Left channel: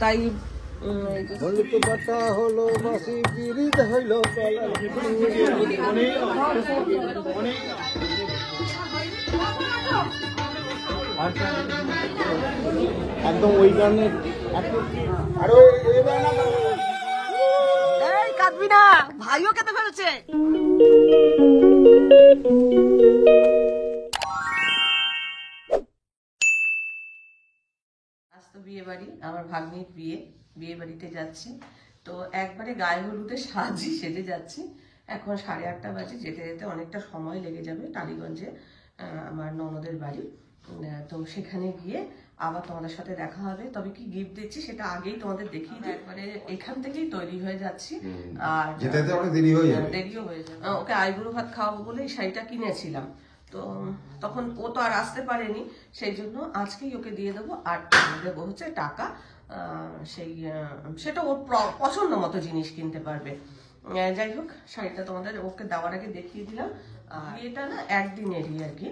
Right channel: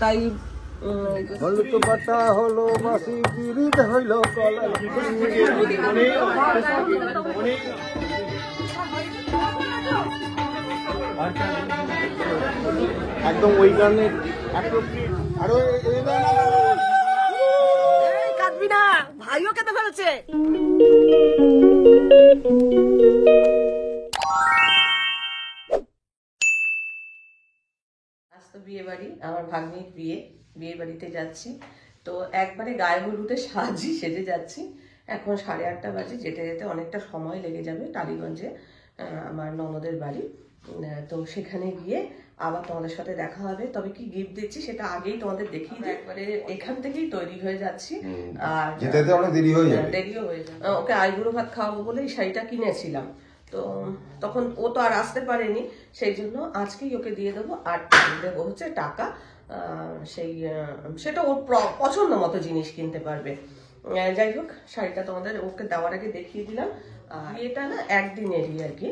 তাই হলুদ পাতা হলো বাসি বিরিদ হইল একদম ওই গানে আরো কাঁদবি না, ভাইও কেঁদে ফেলছে। আজ তো বিয়ে বাড়ি, আমার ভাগ্নির বিয়ে বাড়িতে যাচ্ছি। তো একবারে গায়ে হলুদে সেজে যাচ্ছি। এখন 8:30 বাজে, যেতে যেতে অনেকটা সময় লেগে যাবে। টালিগঞ্জে আমার ননদের বাড়ি, তো সেখানে গিয়ে আবার তোমাদের সাথে দেখা হবে। তবে কি গিফট দিচ্ছি সেটা আগেই তোমাদের দেখিয়ে দিই। একবারে এখান থেকেই তৈরি হয়ে যাচ্ছি, আর দেরিও হয়ে যায়। ওকে আইবুড়ো ভাত খাওয়াবো বলে এই শাড়িটা কিনেছিলাম, তো তখন ও তো আর আসতে পারেনি, সেই জন্য আজকেই ওকে দিয়ে দেবো। আর দেবো হচ্ছে টাকা, সেটা ওর পছন্দ মতো জিনিস কিনতে পারবে। যাই হোক, শাড়িটা তোমাদের ওকে দেওয়ার আগে দেখিয়ে দিলাম। এটা না একদিনেরই আর কি।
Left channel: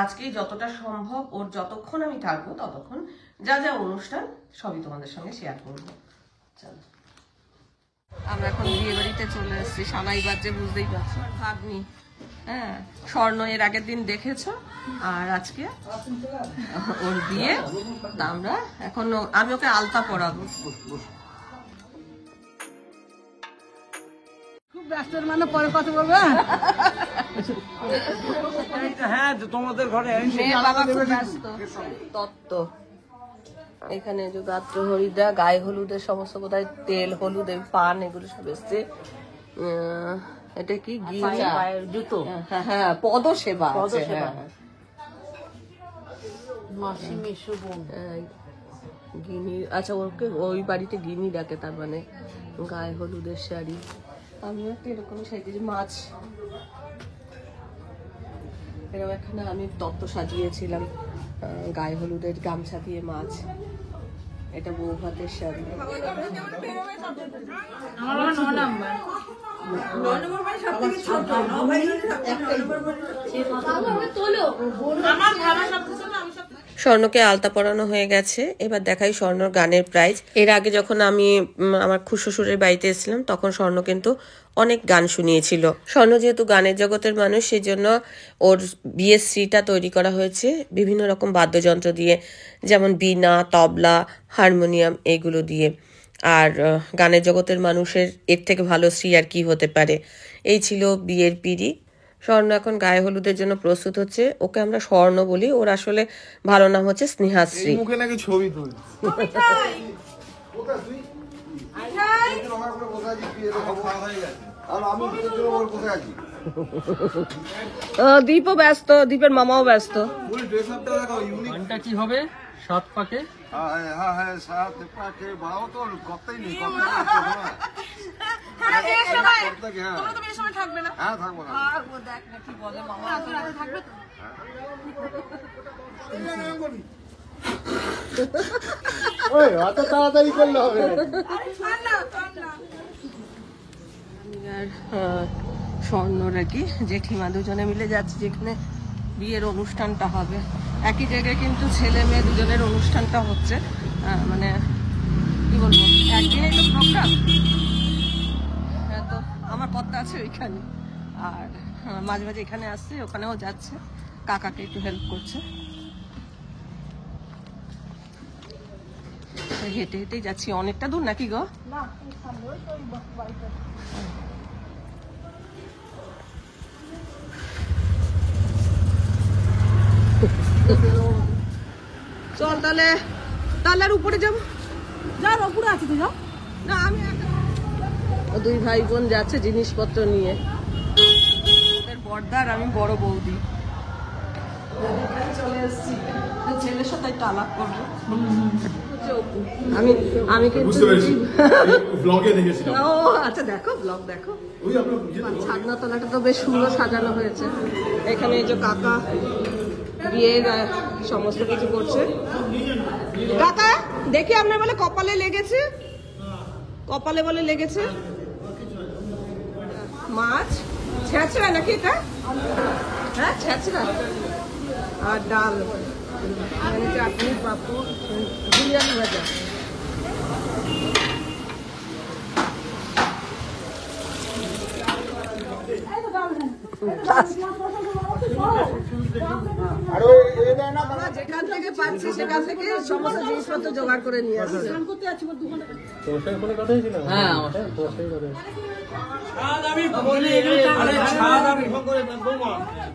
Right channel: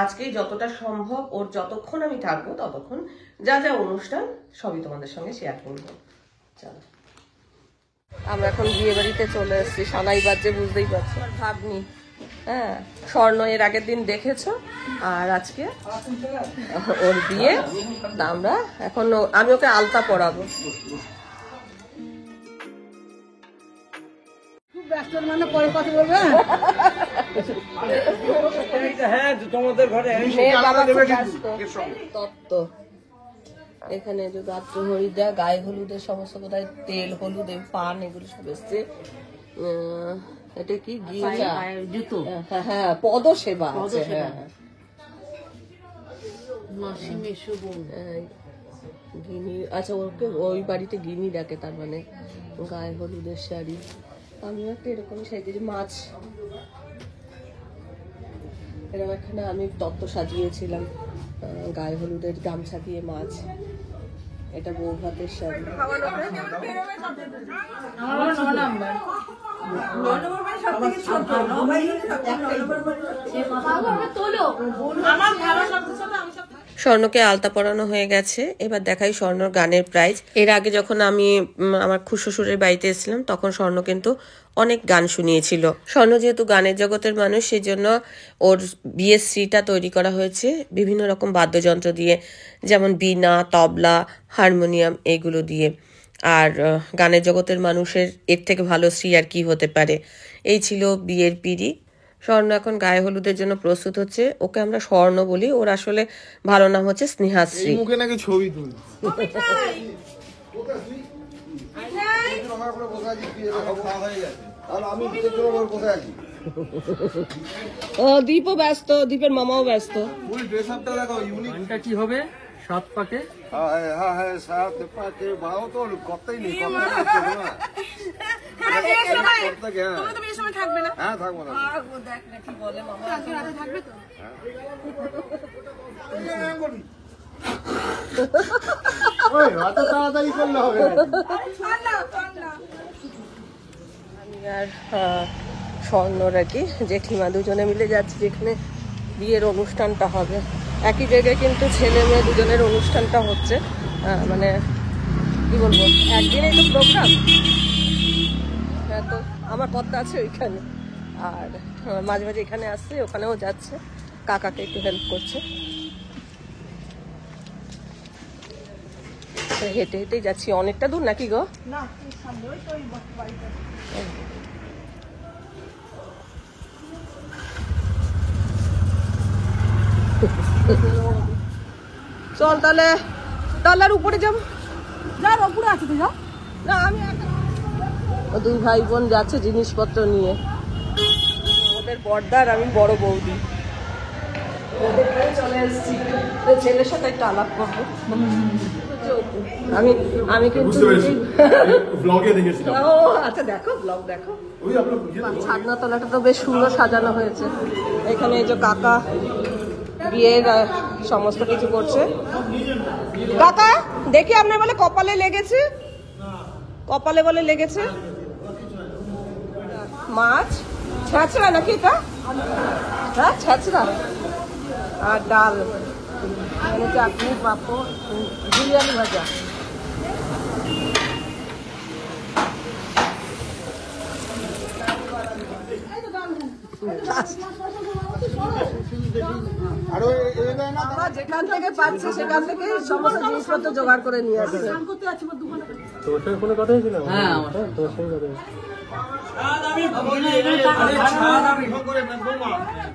আজকেই যতটা সম্ভব ওর যতক্ষণ আমি থাকবো ততক্ষণ যা যা অনুষ্ঠান সবই তোমাদের সঙ্গে শেয়ার করবো। চলো, আমরা এখন বিয়ে বাড়িতে চলে এসেছি। সানাই বাজছে, বুঝতেই পারছো। ভাগ্নি, হ্যাঁ, স্বর্ণ এর আগের দিন দেখেছো, আর আজকে ওর বিয়ে। তা আমরা এখন আমি ওকে আলতা পরাবো। মানে পরে কথা বলবে। হ্যাঁ, তোমাদের ঘরে মেয়ের বাবা খুব ব্যস্ত। তত্ত্ব এখানে যে গাত্র হরিদ্রা, গায়ে হলুদের সমস্ত কোথায় তেল, হলুদ, পান, এগুলো সব এসছে। এটা কি জুতো? হ্যাঁ, পদ সেবা আছে। হ্যাঁ, গিনি, আচ্ছা, ওকে ওই বাড়িতে গিনি ডাকে, তার মানে গায়ে হলুদের শাড়ি। আমিও একটা এরকম সেজেছি। মাছ, এরকম এখানে আমি তত্ত্ব সাজিয়েছিলাম গায়ে হলুদের গামছা দিয়ে। মাছ, এটা বউ ভাতের শাড়ি। স্বর্ণকে আলতা পরানো হয়ে গেছে, এবার দেখাই স্বর্ণর গানের প্রাইজ। এর আগে যখন আমি আমার খুশ্বশুরের বাড়িতে এসেছিলাম তখন স্বর্ণ কিন্তু অনেক গান শুনিয়েছিল। স্বর্ণ যেহেতু গানের জগতের মানুষ, সেই জন্য ওর বিয়ের শ্রীটা তৈরি করা হয়েছে বিভিন্ন রকম বাদ্যযন্ত্র দিয়ে, যেমন বীণা, তবলা, হারমোনিয়াম, এগুলো দিয়ে। আর গানের জগতের মানুষের এর থেকে ভালো শ্রী আর কি হতে পারে। এই ছিল বিয়ের পিঁড়ি। স্বর্ণ এখন গায়ে হলুদের জন্য প্রস্তুত হচ্ছে। ওকে আমরা স্বর্ণ বলি, ওর আসলে ভালো নাম হচ্ছে স্নেহাশ্রী। মুখে নাকি ছবি তুলি। দীপও ব্যস্ত, দীপের মামাও ব্যস্ত। কি হবে? সাত পাকে, হ্যাঁ, সাত পাকে ভাও তো কথাই নেই। থাকবে না? হ্যাঁ, থাকবো না। দেখ না কি বলে মামা, থাকবে তো। তাড়াতাড়ি করলে হবে। আমি আর স্বর্ণর আর কি জেঠিমা দুজনে মিলে যাচ্ছি যেখানে বিয়ের অনুষ্ঠানটা হবে। একই জায়গায় কিন্তু ছেলে মেয়ে দুজনের অনুষ্ঠানটা হচ্ছে। মানে কি বলবো, একদিনেই তো প্রোগ্রাম। হ্যাঁ, তো আমার কথা আছে ওইখানে, আর মাঝে মাঝে এখানে আসছে, ওখানেও যাচ্ছে, কাকাকে একটু হেল্প করছে। হেঁটে হেঁটেই যাচ্ছি। অনেকটা দূর নাকি গো? চল তাহলে আর উপরে যাবো। যার উপরে আছে তো যাও না। আমি দুই ভাই বোন যাচ্ছে জিনিসপত্র নিয়ে। ওদের বড়দার, আমি বড় বৌদি। চলে এসেছি, ছেলের সাথে একটা আলাপ করবো। আমি কিন্তু ব্লগে দেখেছিলাম। ও আচ্ছা, দেখো ব্লগ দেখো। ছাদনাতলাটা তো বেশ সুন্দর সাজানো হয়েছে। এখানে এই যে কাকা বিয়ের সমস্ত কিছু করছে। কাকা দেখি আপনার বলে কপালে লেগেছে, কপালে বলে লেগেছে মাছ। ছেঁচড়া নাকি এটা? হ্যাঁ, ছেঁচড়া আর ডাল, চাটনি, পাঁপড়, বিরিয়ানি ভাজা। যেখান থেকে পাচ্ছে সেখান থেকে সমস্ত জিনিসপত্র জোগাড় করে নিয়ে আসছে।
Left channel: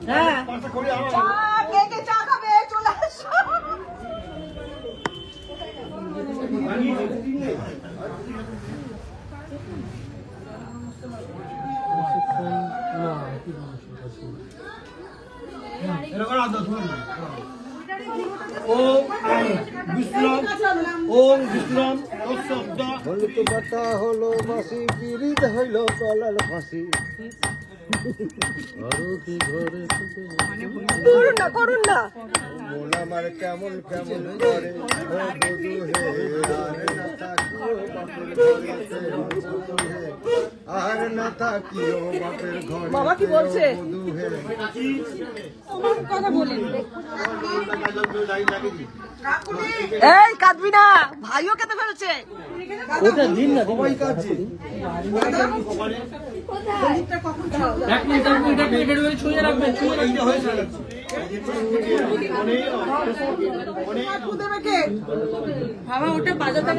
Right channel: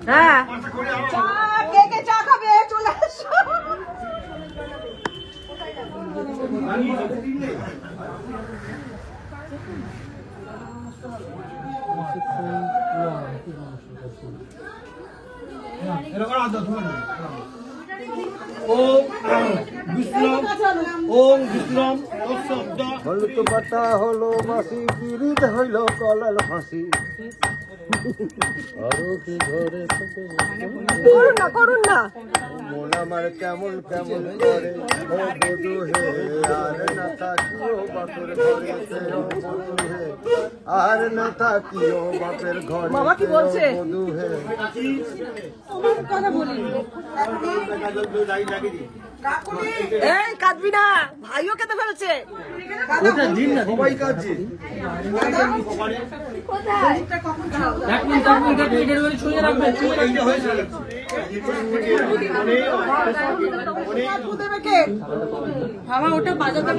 হ্যাঁ, কে কে চা খাবে চলে আসো। হলুদ পাতা হলো বাসি পিরিত হইল কলাল ফাঁসি আরো কি ঘরে করুন না মন আমার কেমন কেমন করে বধু হে আর না থাকিও বাপের ঘরে বধু হে। এই কাঁদবি না, ভাইও কেঁদে ফেলেছে। সবাই কাছে বাবা ওটা বাজাতে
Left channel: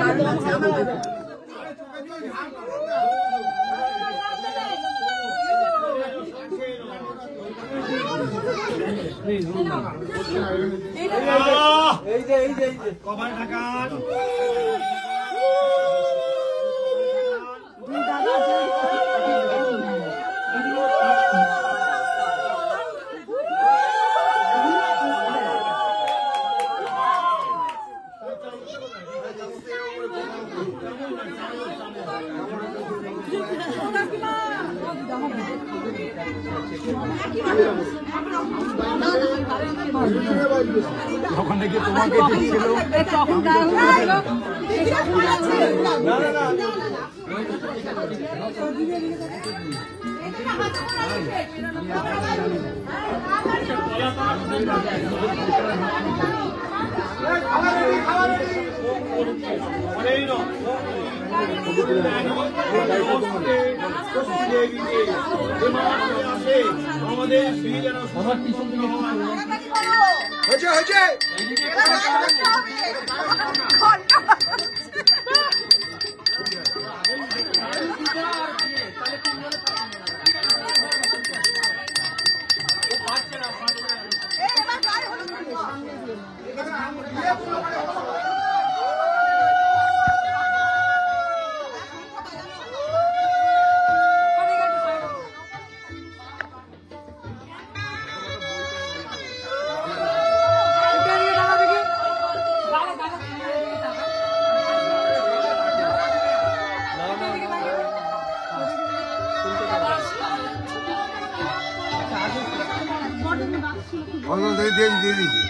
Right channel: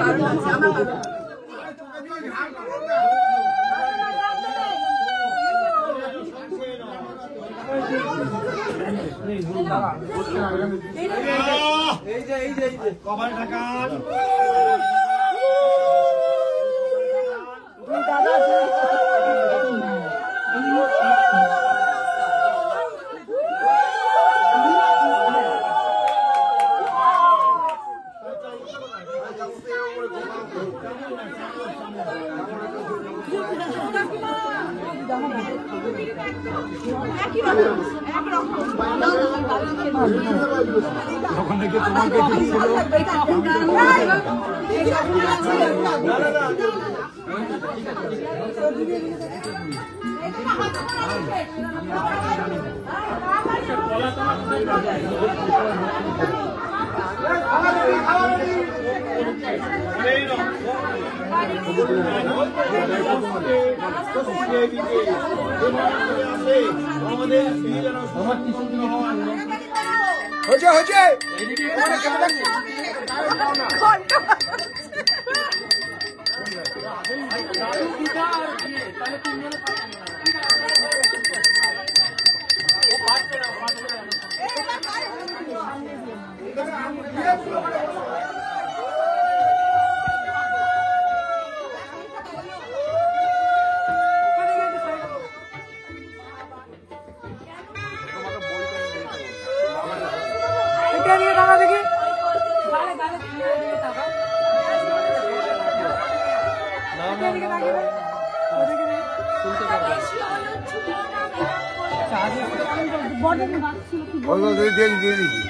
অন্য দিয়ে দিয়েছি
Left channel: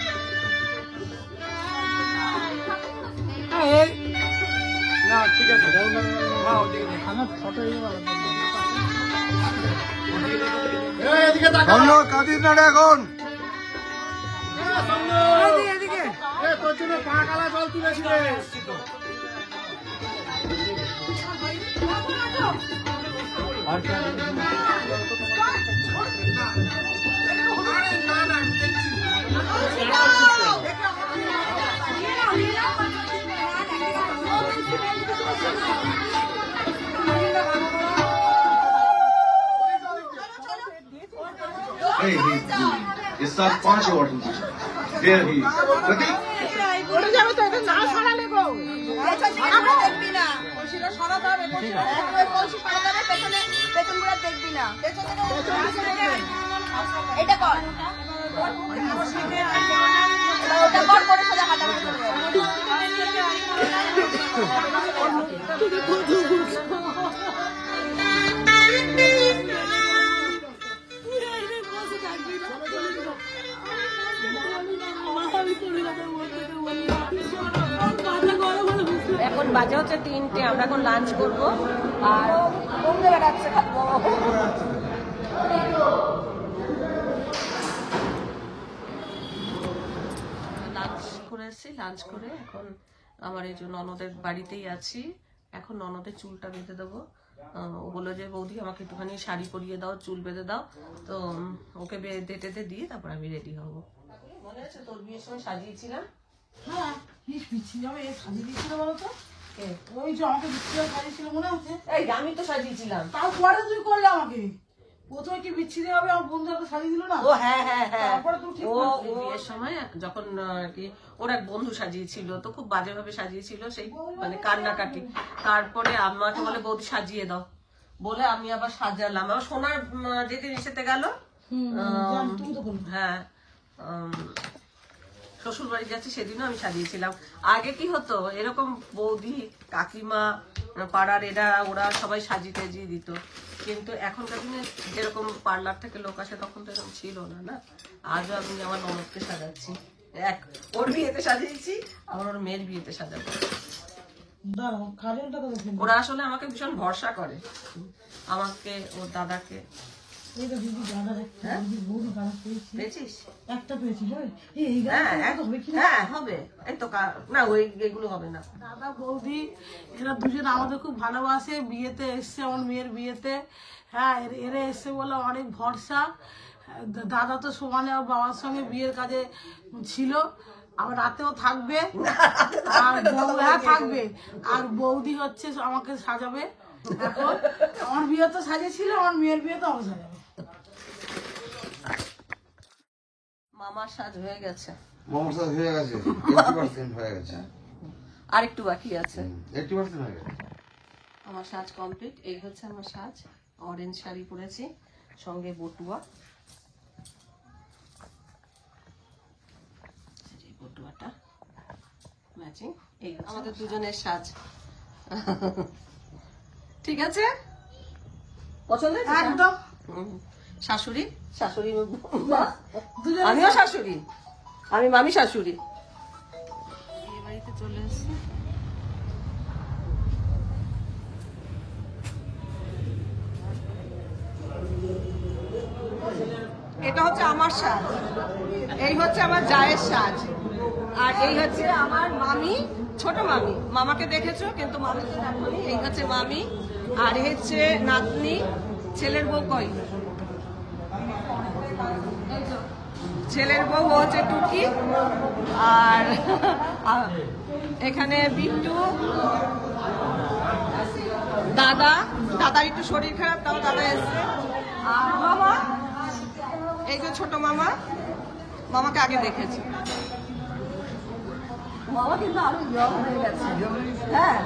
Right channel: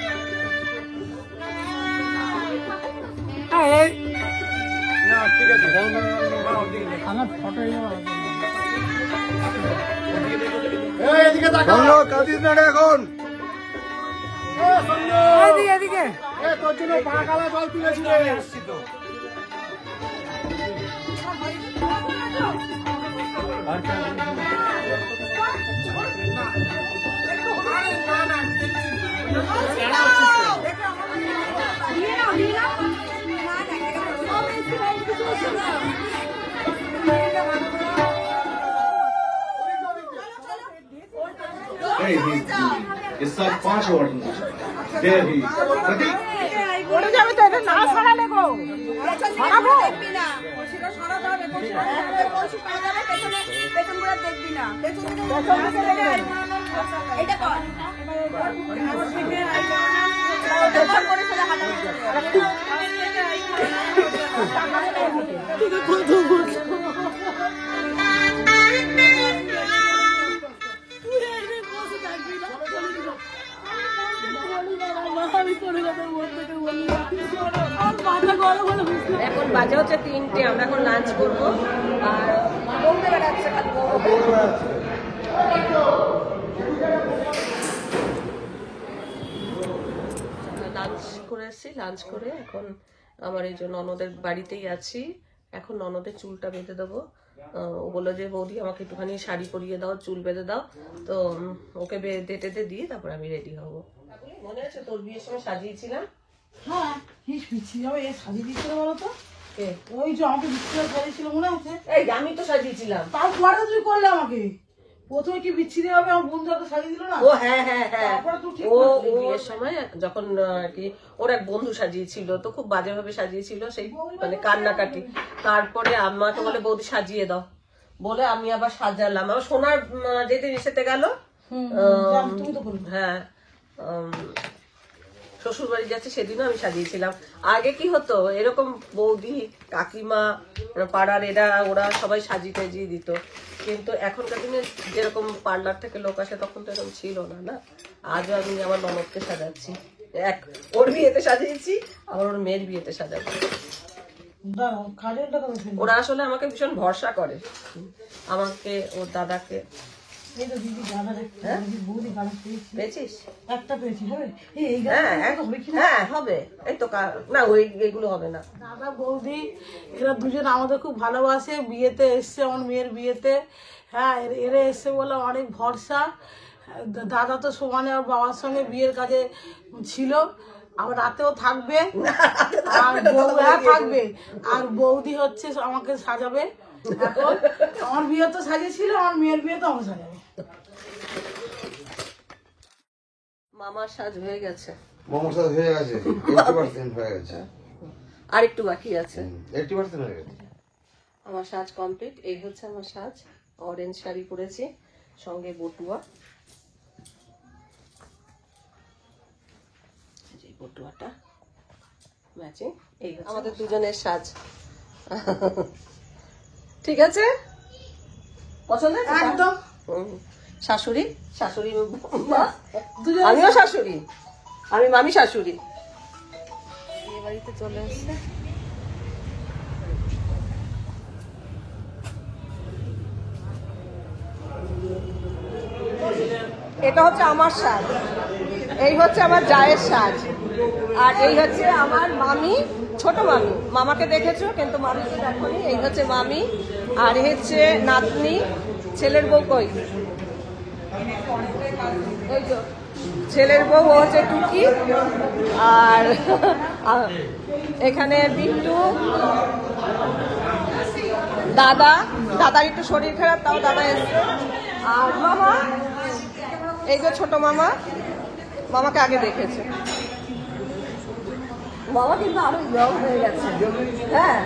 কাঁদিস না এখন इस साल 5 अवार्ड मिले देयर ही प्रतीक এখন বাজে হচ্ছে 3টে, আমরা এখন লাঞ্চ করবো। আর বলতে বেড়াচ্ছে খালি লাঞ্চ করে এসেছি, লাঞ্চ করে এখন আমার এই যে ননদের বাড়িতেই আছি। এখন ননদের চুলটা বেঁধে দেবো। ও বললো যে বৌদি আমাকে একটুখানি শাড়ি পরিয়ে দাও, চুল বেঁধে দাও। তো ওকে বেঁধে টেঁধে দিয়ে তারপর আমি রেডি হব। মনে আছে তোর বিয়ের সময় সাজিয়েছিলাম? হ্যাঁ, কি বিচ্ছিরি হবে, এ সাজিয়ে দিচ্ছিল বলো তো? কে? ওই যে আমাকে বিচ্ছিরি সাজিয়েছিল মনে আছে? এই আমি তো সাজিয়েছিলাম। তাও পরে তুই করলে আমাকে। প্রথমে কি বিচ্ছিরি হবে, আমার বন্ধু তো সাজিয়ে দিল না? ও হ্যাঁ হ্যাঁ হ্যাঁ, তারপরে তুই ঠিক ও করলি। বিয়ের সময় যখন আর কি ওর এক বন্ধু সাজিয়েছিল, তো খুব বাজে ভাবে সাজিয়েছিল, সেই মানে কান্নাকাটি। তারপরে আমাকে বলে বৌদি সাজিয়ে দাও, বলে আমি আবার সাজালাম। আমার সোনার যেদিন এসেতে গেল, তুমি তো করলে। হ্যাঁ শ্বশুর বাড়ি যাচ্ছে সেদিনও আমি সাজিয়েছিলাম। আগে কি হতো, এরকম বৌদি কাকিমা পাড়ার ওরা সবাই সাজিয়ে টাজিয়ে দিত, কিন্তু এখনকার দিনে যেরকম পার্লার থেকে লোক আসে তখন তো এরকম ছিল না। না, আজও আমি আমার ননদকে সাজাচ্ছি, ওর বিয়েতে সাজিয়েছি, আবার ওর মেয়ের বিয়েতে সাজাবো। দাঁড়াও, খাজলটা কবে ফেলবো? ওরা আসলে আমাকে ভীষণ ভরসা করে, আমাকে ওর দাদাকে। এই তো দিদি গানা দেখতে, বৌদি গান পেয়েছি। পেয়েছিস? একটা পেয়েছি, হবে? এই হ্যাঁ গানটা হবে কি? হ্যাঁ হবে, এই তো না ওই এগুলো হবে না। দাদা বৌদি এরা দুজন আমাদের খুব ভালোবাসে, বিয়েতে এসছে, আমার মেয়ের বিয়েতে। হ্যাঁ, এরা এসছে বলে অনেক ভরসা। দাদা তো সমানে ওর বাবার সঙ্গে বিয়ের কাজে ছিল, আবার রাতেও থাকবে, আর বৌরা থাকবে, আর বৌদি হচ্ছে আমাকে সাজাবে। এখন আমার বিয়ে তো সাজিয়েছিল, আমার মেয়ের বিয়ে তো আমাকে সাজাবে। মামার সাজ হয়ে গেছে, মোমোর সাথে হয়ে গেছে, 80% হয়ে গেছে, আর একটু বাকি আছে। 80% হয়ে গেছে। আমার সাজ কমপ্লিট। এই হচ্ছে আমার সাজ, অরেঞ্জ শাড়ি পরেছি, সঙ্গে বটুয়া, এই বটুয়াটা ম্যাচিং। এই হচ্ছে আমাদের দুজনের সাজ। ঠিক আছে, পছন্দ হয়েছে? একদম। শাশুড়ি শাশুড়ি আমিও শাশুড়ি, আমি মামি শাশুড়ি। বিয়ে বাড়িতে চলে এসছে। এটা হচ্ছে আমার সাজ, এই হচ্ছে আমার জায়ের সাজ, আর এই হচ্ছে আমার মামি, ছোট মামি। মামাকে দেখেছো কিন্তু মামিকে দেখোনি। এই হচ্ছে মামি, আর এই হচ্ছে নাতনি, ছেলের বউ। কই? এই তো ছেলের বউ, ও হচ্ছে টুকি। আর এখানে বিট্টু, দাদার একটু শরীর খারাপ, তাও দাদা এসছে। আর মামা, এই যে ছোট মামা, মামাকে আগে দেখেছে। মামা কিন্তু আরো ইয়ং হয়ে গেছে। হ্যাঁ,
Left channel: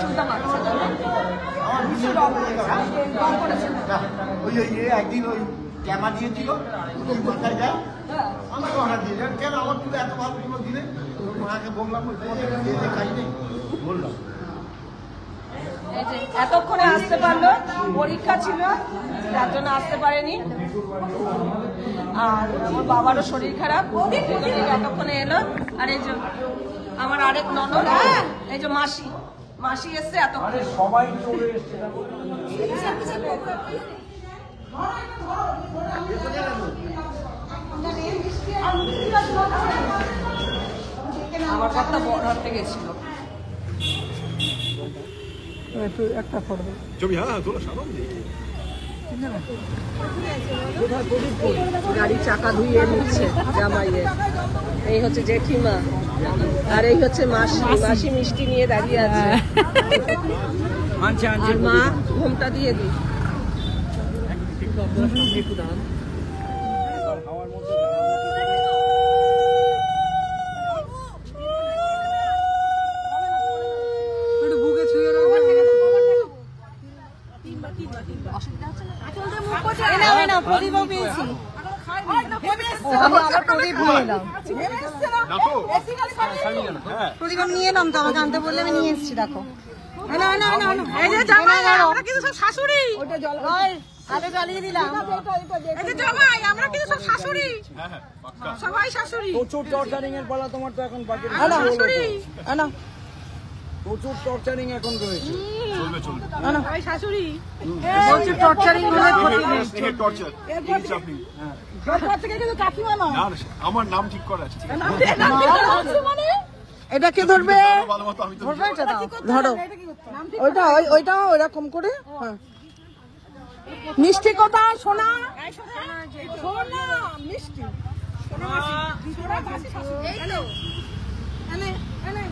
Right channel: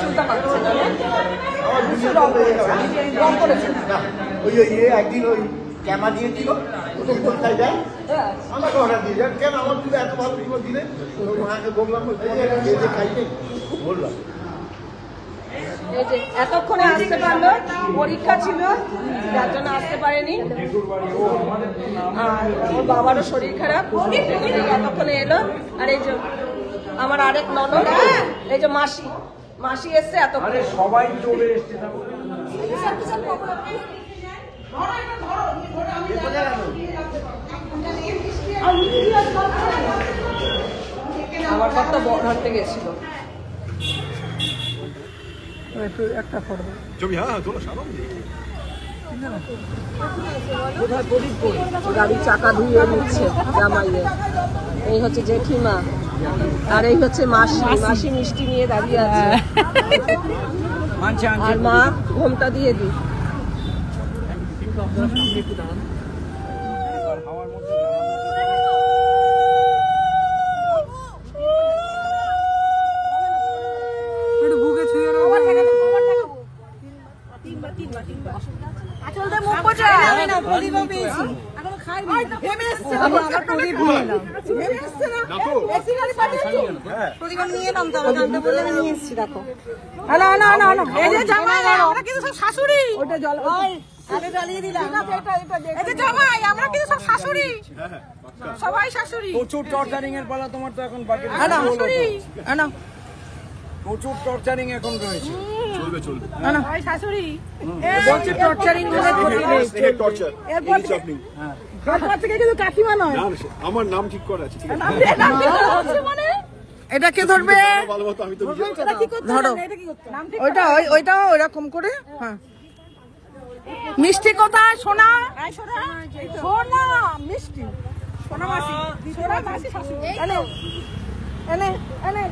চুলটা মারছে না, রং করেছে। ওই একদিন ওই ক্যামা দিয়েছিল, ওই কোথায় যায় আমাকে অর্ডার দিয়ে যান, কেন আমার চুলে এত ভালো চুলো দিলে? ওনাকে বললাম যে খাই নেই, বললাম এই যে এতক্ষণে আসতে পারলো, পরীক্ষা ছিল যার জন্য আসতে পারেনি, আর আমার বাবারও শরীর খারাপ, এতক্ষণে এলো। আর এই যে আমার আরেক ননদ, এই যে মাসি এসছে এতক্ষণে। সবাই চলে এসছে। আমার কর্তা বড়হাতে গেছিল। একটা করবো ছবি, হ্যাঁ তোলা সারাম গাড়ি চাকা ধুয়ে নিচ্ছে জামাইয়ে। এই হচ্ছে জেঠিমা, আর এই হচ্ছে মাসি মিষ্টি নিয়ে দাঁড়িয়ে আছে। আর মা ঘোমটা দিয়ে দিই। প্রচুর টর্চারিং এর পালা তোমার তো এখন বাকি। প্রচুর টর্চারিং এখন করেছি। বলছে টর্চারিং করে ক্ষতি নেই। টর্চার এরপর থেকে কিন্তু কাকিমা নয়, আমার নাম ঠিক করা আছে, ঠিক আছে? এটা কে ধরবে? ভালো মতো আমি তো এটা কি করতে হবে? এটা কি করতে হবে? ওইটা ওইটাও এরকম করে, হ্যাঁ মিষ্টি কোথায় সোনা? সোনা মিষ্টি সোনা মাসি, সোনা মাসি শাশুড়ি এনে এনে এনে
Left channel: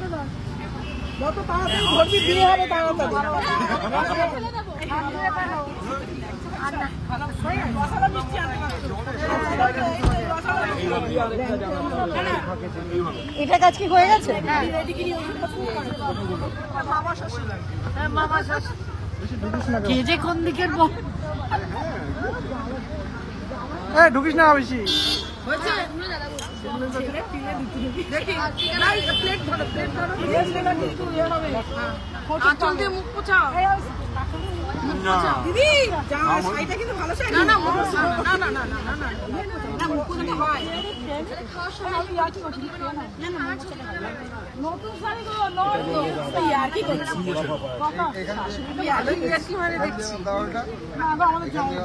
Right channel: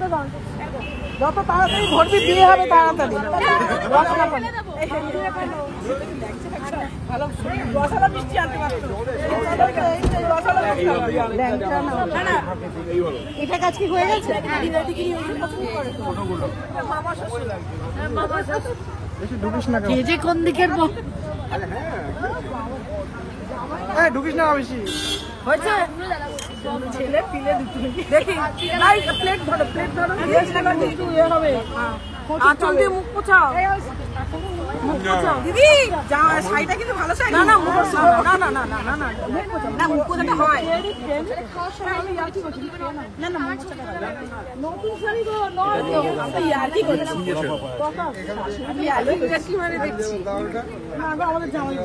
যত তাড়াতাড়ি ঘরটি বিয়ে হবে তাড়াতাড়ি ভালো রসালা মিষ্টি আনতে পারতো। এটা কাজ কি হয়ে গেছে? মামা শ্বশুর কি যে কোন দিকের ঢুকিস না বেশি। হয়েছে দেখি প্লেট ধরো প্লেট ধরো কিন্তু ইয়ে হবে আঁচল দিয়ে মুখ পোছাও মুখ পোছাও দিদি শাড়িটা কিন্তু ভালো শাড়ি না না না না না না না মুখ পোছাটা হয় আমি আর কি করছি না না মুখ পোছাটা নতুন শাড়ি তো নয় আমি আর কি করছি ভালোই বেশি মানে দেখছি না আমাদের জামাই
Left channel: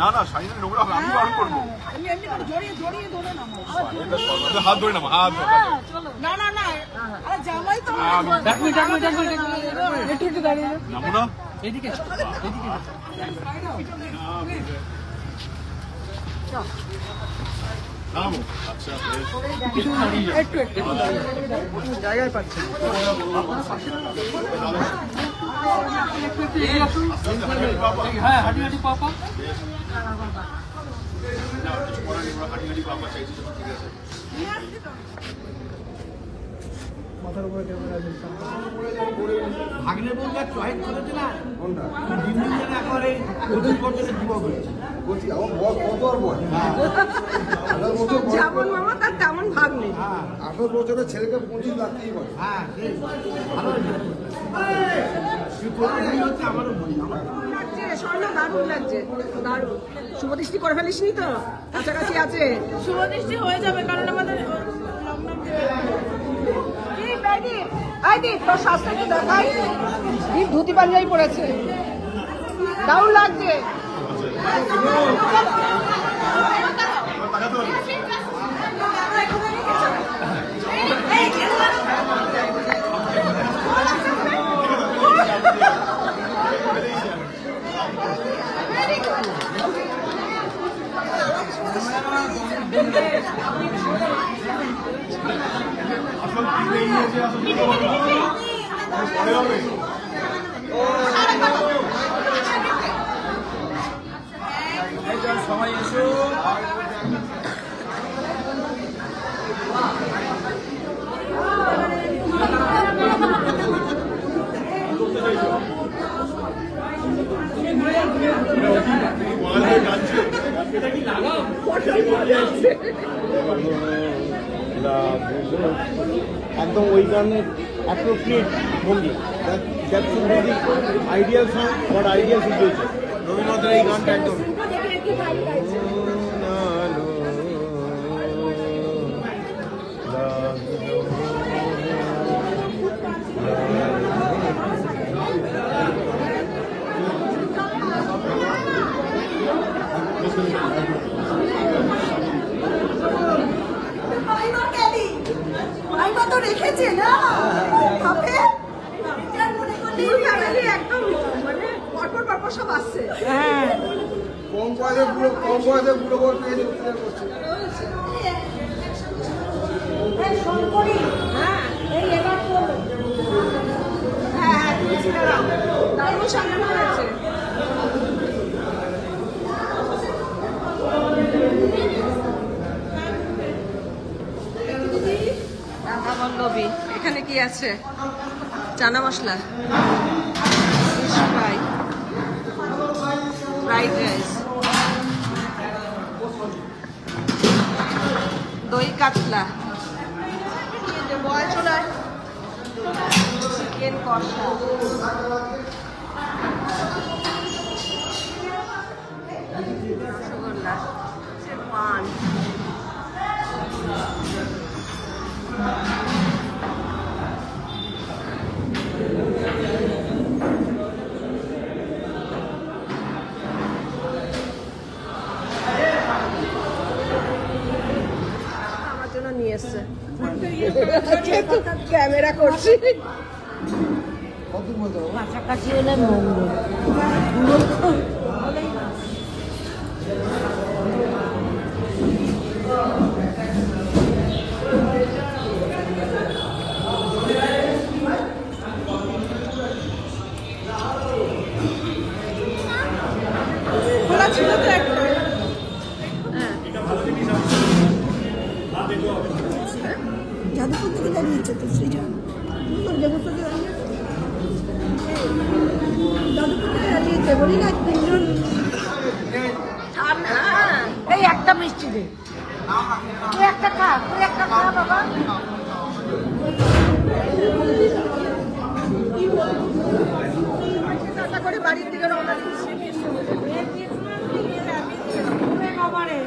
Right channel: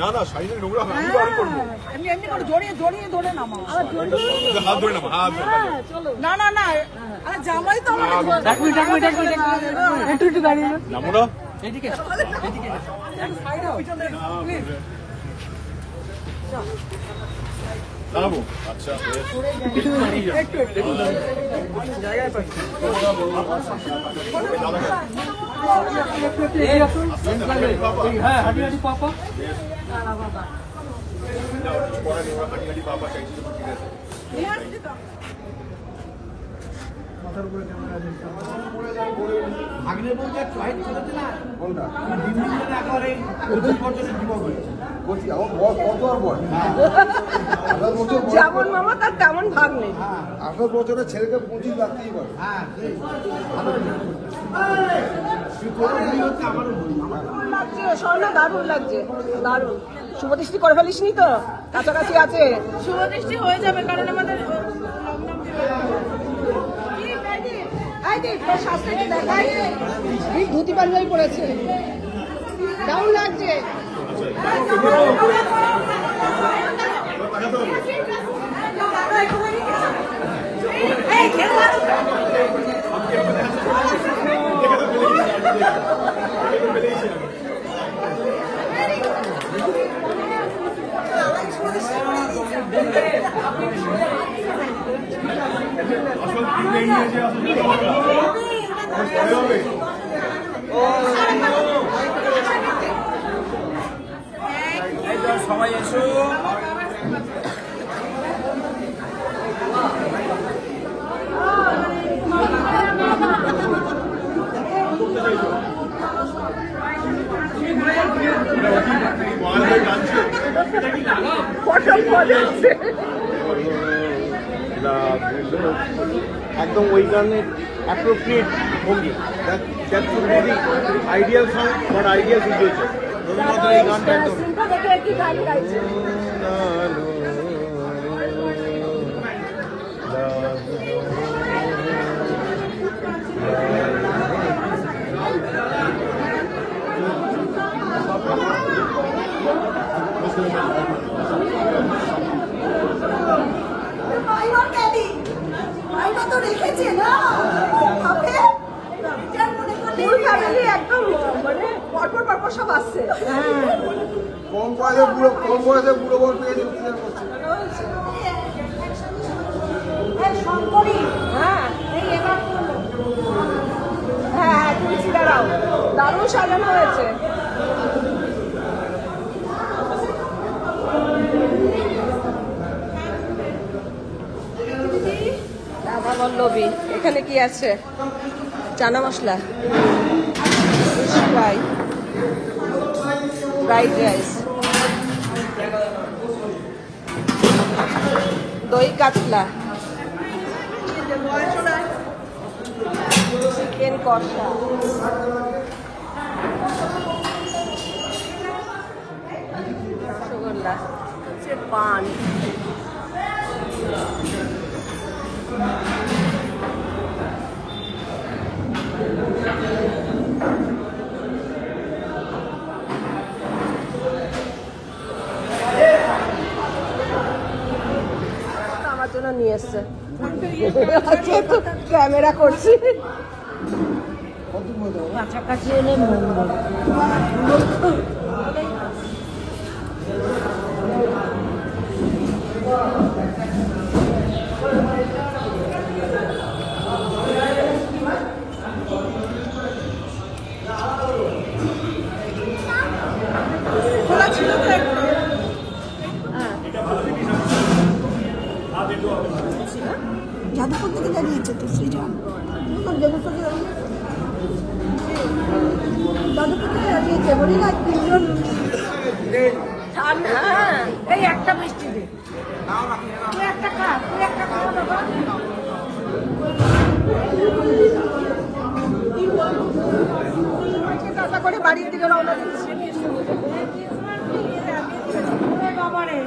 না না শাড়ি নোংরা হবে, আমি বার করবো। আমি এমনি করে জড়িয়ে জড়িয়ে ধরে নামাও হাত ধরে নামা, হাত ধরে। না না না আরে জামাই তো আমাদের নামো না। দাঁড়াবো। আচ্ছা হ্যাঁ হাঁটি হাঁটি পাপা হাঁটি হাঁটি পাপা চাইছি ঠিক আছে। ভাগ্নের বলতে চয়েস করেছে না কোনটা দিন দিন যেন একেবারে 25 বছরের যুবক হয়েছে। বলছি আমার কত আর বল 18 বছর যেমন মামা তার তেমন ভাগ নেই। 18 বছরের ছেলেকে 25 লাগতেই বলে। হ্যাঁ ভালো লাগছে স্বর্ণ দারুণ লাগছে দারুণ। শুভদৃষ্টি করে ফেলিস নি তো? কাছাকাছি আছে শুভদৃষ্টি হয়ে যাবে কারণ আমাদের ধুতি পাঞ্জাবি পড়েছে দারুণ লাগছে। একদম ওই গানের অ্যাপ্রোপ্রিয়েট ভঙ্গি that should be the ideal song for ideal situation. রবীন্দ্রনাথের এই গানটা একদম একদম মানে পরপর পরপর সব আসছে। কম বয়সে বুড়ো বউ পেয়ে হ্যাঁ হ্যাঁ তুলসী দাঁড়াও দারুণ সাজানো হয়েছে। রাধা বল্লভী এখানে কি আছে? চানা মশলা, ফ্রাইড রাইস, দই কাতলা, চিকেন কষা, রসগোল্লা, পান, আমার জন্য জন্য নিয়ে এসছে, যেহেতু ক্যামেরা করছি। কাছাকাছি এলে মঙ্গল। এই একটা মিষ্টি দে, তুই একটা খা, তুই একটা খা বাবা। করে বাড়িয়ে দিল বাবা রে।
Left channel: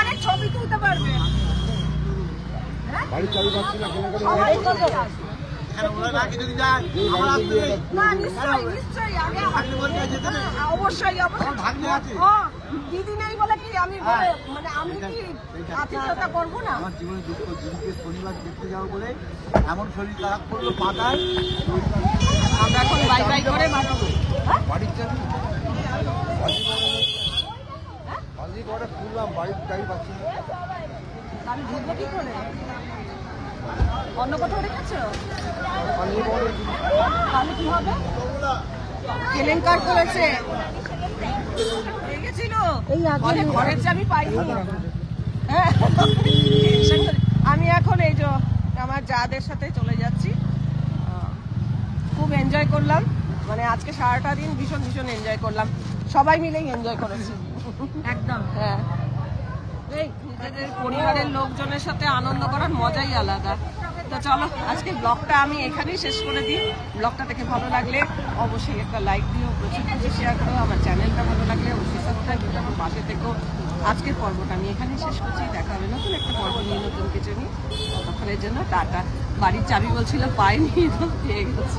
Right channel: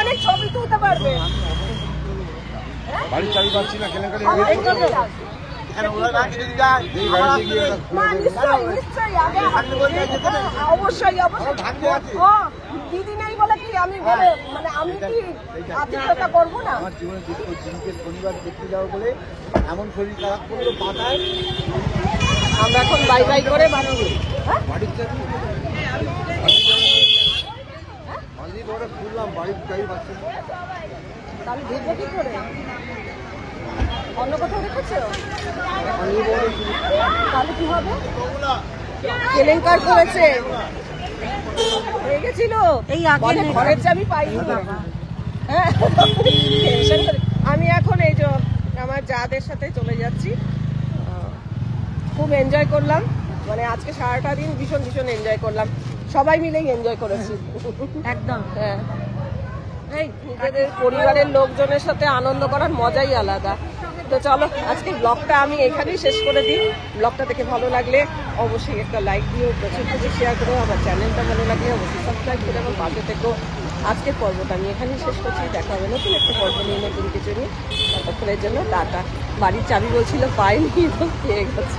অনেক ছবি তুলতে পারবে। দিদি নেই বলে কি আমি বলে মানে আমি কি আত্মীয়তা করবো না? আমার জীবনে দুঃখ দিনকে শনিবার দেখতে যাবো বলে এমন শরীর খারাপ করলো পাতায়। আমরা এখন বাই বাই করে বানাবো। বাড়ির চাবি বাড়ির চাবি পাচ্ছি না, আমি ঢুকবো কি করে? অন্য কোথাও রেখেছো? তাহলে কি হবে? কেলেঙ্কার করেছে, হয়ে গেছিল বলে ঘরের চাবি পাইনি। হ্যাঁ টেনশন করে। আমি এখন এই যে আমার যাদের সাথে চলে যাচ্ছি। খুব এনজয় করলাম, মানে আজকে সারাটা দিন ভীষণ ভীষণ এনজয় করলাম, সবাই মিলেই এনজয় করেছি একদম। হ্যাঁ, নিজেদের পরিবারের লোকজনের সাথে আনন্দ করার মজাই আলাদা। তো চলো আজকের ব্লগটা আমি এখানেই শেষ করে দিই। ব্লগটা দেখে ভালো লাগলে অবশ্যই একটা লাইক দিও, প্রচুর প্রচুর শেয়ার করো। আমার চ্যানেলটা ভালো লাগলে অবশ্যই সাবস্ক্রাইব করে আমার পাশে থেকো। আজকের পর্বটা আমি এখানেই শেষ করছি, দেখা হবে নতুন একটা পর্ব নিয়ে, নতুন কিছু নিয়ে। ততক্ষণের জন্য টাটা। বাড়ির চাবি বলছিল পাইনি, তো পেয়ে গেছে।